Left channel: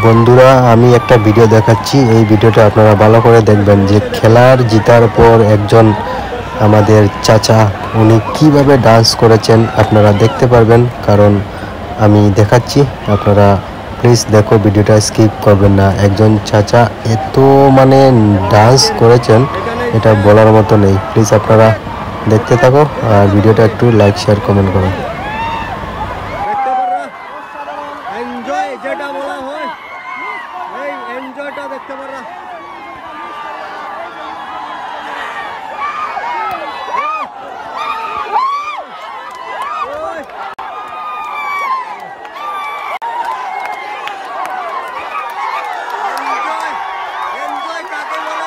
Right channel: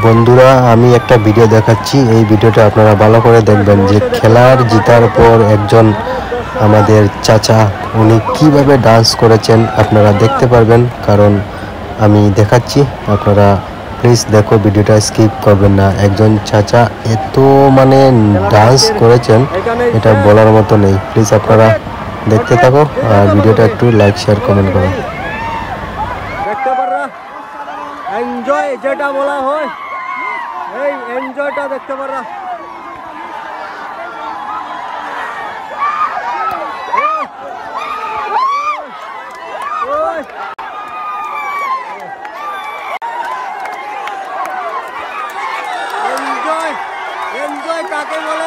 বন্ধুরা, আমি একটা ভিডিও দেখাচ্ছি। এই ভিডিওটা আপনারা ভালো করে দেখবেন যে খেলার জিতার পর একজন আমাদের চাচা উনি কিভাবে ডান্স করেছেন আপনারা দেখতে পারবেন। কারণ আমি দেখাচ্ছি, আপনারা প্লিজ দেখো, ভিডিওটা স্কিপ করবেন না। একজন চাচা এত ডান্স করেছেন, এটা বলার মতো নেই। প্লিজ আপনারা দেখতে থাকো আর ভিডিওটা একটু লাইক শেয়ার কমেন্ট করো। এনজয় যেটা বলা হয়, এই এনজয়টা দেখতে পারা। এনজয় এনজয় কাকে বলে?